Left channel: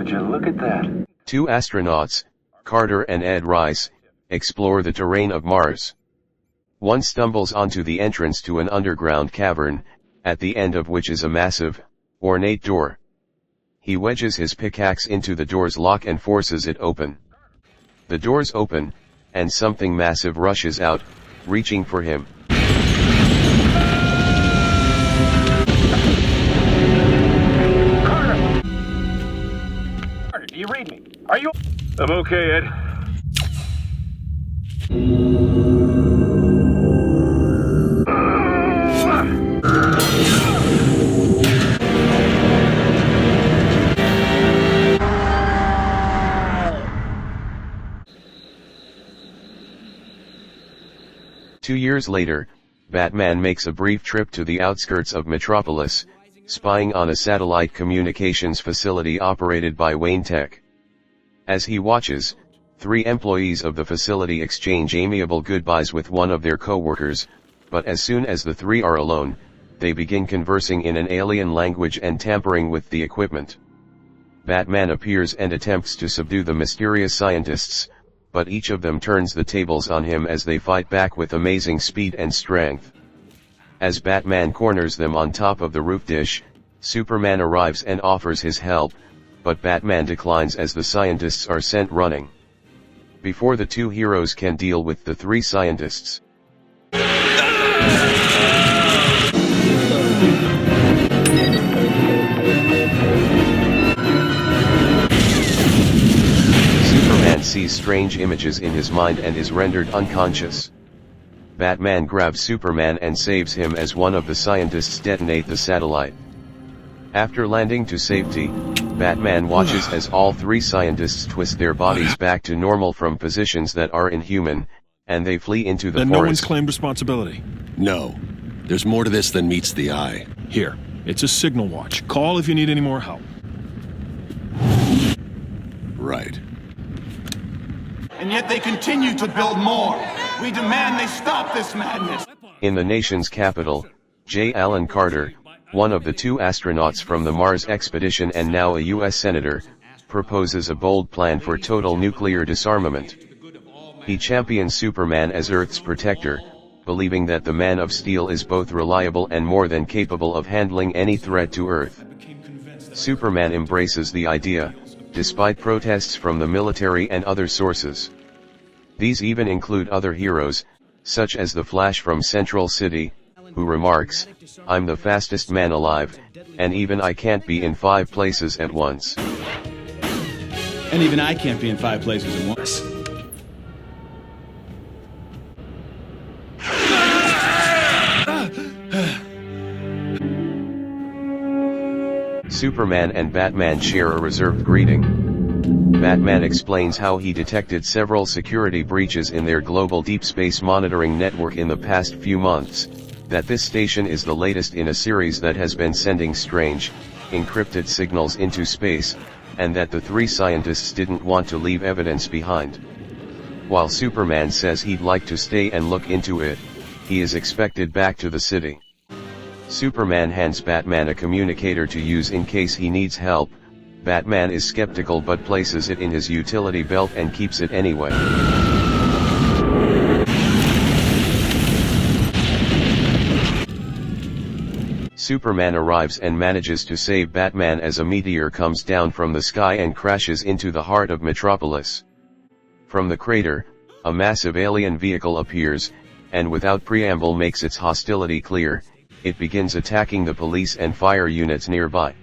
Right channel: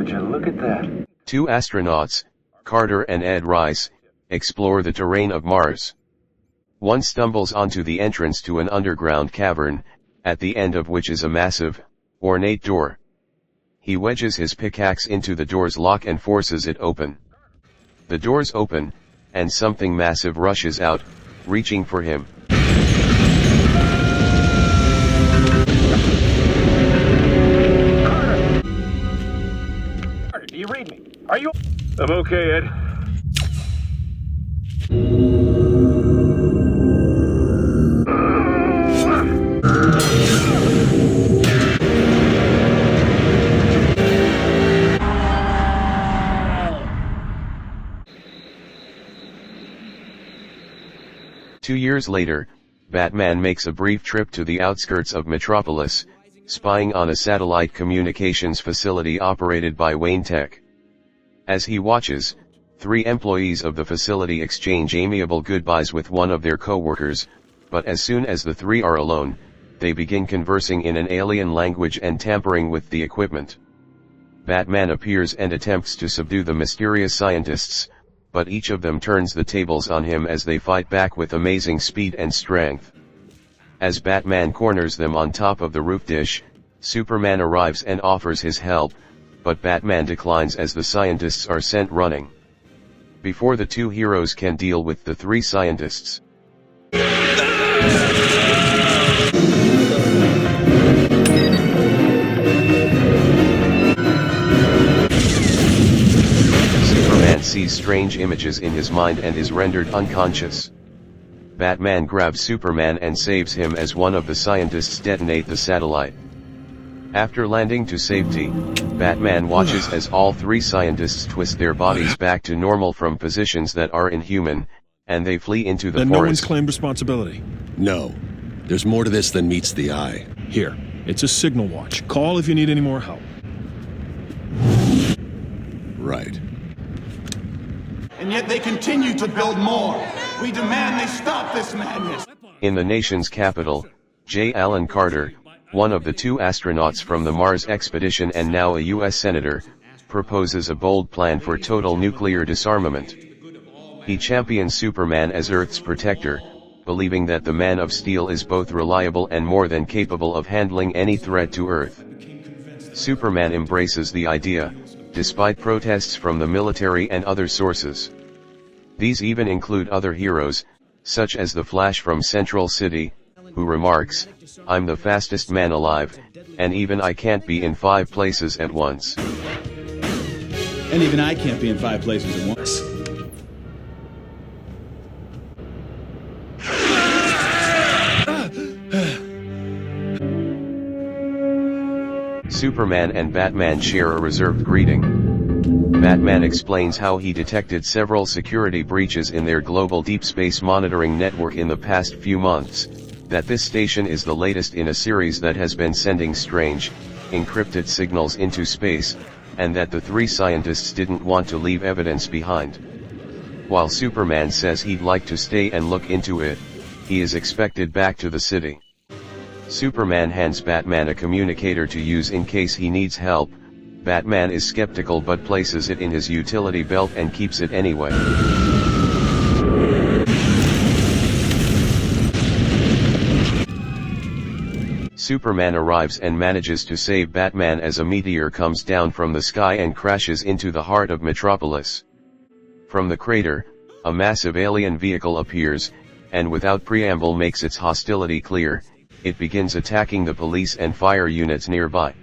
Would you look at that? Two astronauts, Carter and Ed Rice, explore the terrain of Mars. One stumbles onto the entrance to an underground cavern, at the end of which is a massive, ornate door. He wedges his pickaxe into the door's lock and forces it open. The doors open, and something massive rushes out, reaching for him. Carter! Carter, do you read me? Are you... I'm okay, Ed. Two years later, Batman makes a brief trip to the outskirts of Metropolis, spying on a satellite communications facility operated by Wayne Tech. As he watches, three employees of the facility exchange amiable goodbyes with one of their co-workers, but as soon as the three are alone, they begin conversing in an alien language and tampering with the equipment. Batman appears and attempts to subdue the mysterious scientists, but each of them turns the tables on him as they fight back with amazing speed and strength. As Batman corners them on top of the roof dish, Superman arrives and offers his help, but Batman declines as the scientists are sent running. Before the two heroes can deal with the three scientists, Superman sees strange images in his mind and is rendered unconscious. Batman grabs Superman and saves him as one of the scientists detonate the satellite. After landing to safety, Batman watches as all three scientists twist their bodies back to normal from positions that are inhuman, and they flee into the forest. Then no one's claimed responsibility? No. There's more to this than meets the eye. Here, it's a signal watch. Call if you need any more help. Right. And yet they continue to build more. We demand they stop this madness. In the nation's capital, J. Allen Carter, one of the two astronauts from the Mars expedition and now a U.S. Senator, proposes a bold plan for total nuclear disarmament. He champions Superman as Earth's protector, believing that the Man of Steel is both reliable and more than capable of handling any threat to Earth. Superman embraces the idea, despite protests from the military and other sources. These even include other heroes, such as the Flash from Central City, who remarks, "I'm the fastest man alive, and even I can't be in 5 places at once." And even I can't be in 5 places at once. Superman and Batman share a reserved greeting. Batman explains how he detected several security breaches in their global deep space monitoring network in the past few months, that this station is the latest in a series that has been sending strange, encrypted signals into space, and that the three scientists didn't want to leave evidence behind. While Superman says he'd like to stay and look into it, he is expected back to the city. Superman hands Batman a communicator to use in case he needs help. Batman is skeptical but places it in his utility belt and keeps it anyway. Superman arrives and manages to save Batman as a meteor comes down from the sky and crashes into the heart of Metropolis. From the crater, a massive alien vehicle appears, and without preamble makes its hostility clear. It begins attacking the police and fire units nearby.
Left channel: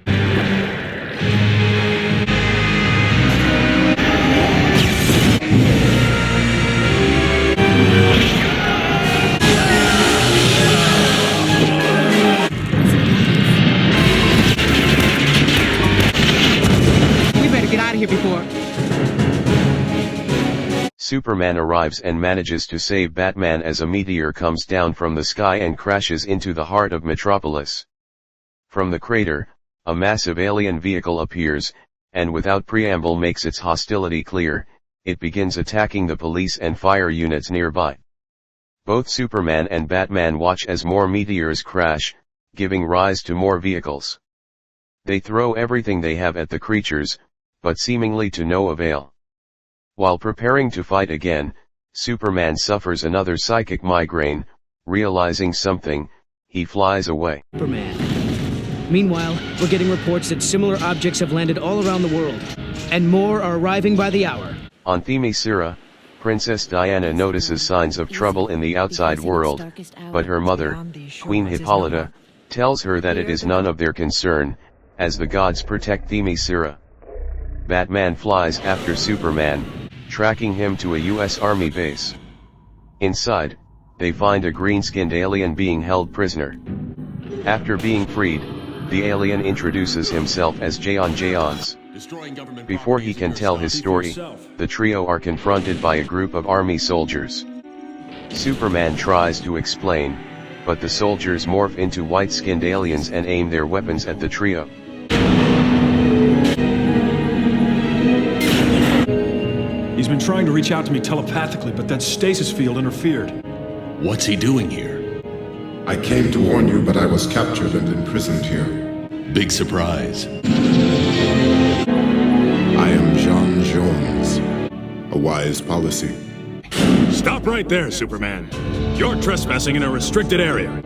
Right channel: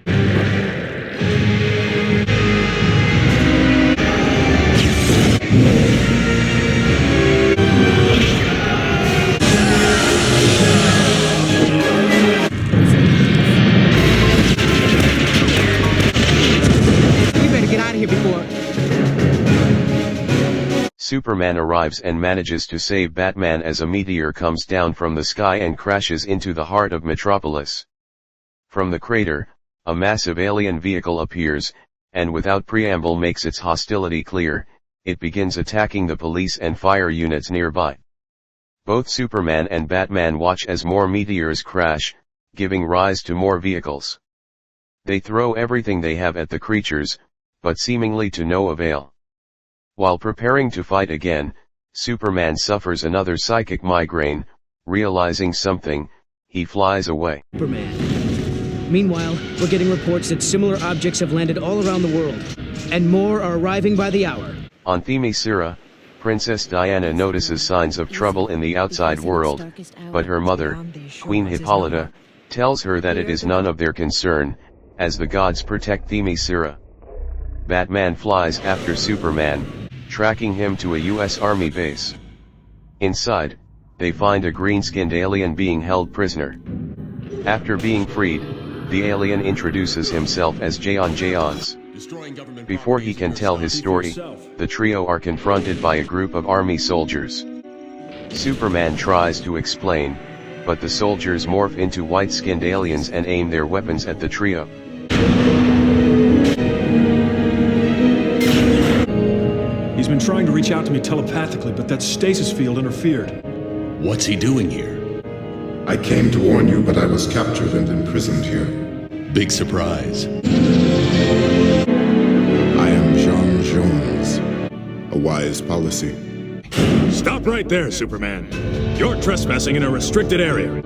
We better get out of here before... Superman arrives and manages to save Batman as a meteor comes down from the sky and crashes into the heart of Metropolis. From the crater, a massive alien vehicle appears, and without preamble makes its hostility clear. It begins attacking the police and fire units nearby. Both Superman and Batman watch as more meteors crash, giving rise to more vehicles. They throw everything they have at the creatures, but seemingly to no avail. While preparing to fight again, Superman suffers another psychic migraine. Realizing something, he flies away. Superman. Meanwhile, we're getting reports that similar objects have landed all around the world, and more are arriving by the hour. On Themyscira, Princess Diana notices signs of trouble in the outside world, but her mother, Queen Hippolyta, tells her that it is none of their concern, as the gods protect Themyscira. Batman flies after Superman, tracking him to a US Army base. Inside, they find a green-skinned alien being held prisoner. After being freed, the alien introduces himself as Jayon Jayons. Before he can tell his story, the trio are confronted by a group of army soldiers. Superman tries to explain, but the soldiers morph into white-skinned aliens and aim their weapons at the trio. He's been trying to reach out to me telepathically, but that stasis field interfered. What's he doing here? I came to warn you, but I was captured and imprisoned here. Big surprise. I am Jean Jones. A wise policy. Stop right there, Superman. You're trespassing in a restricted area.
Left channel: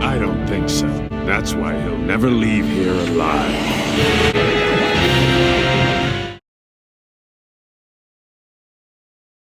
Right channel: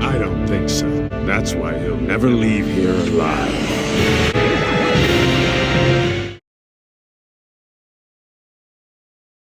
I don't think so. That's why he'll never leave here alive.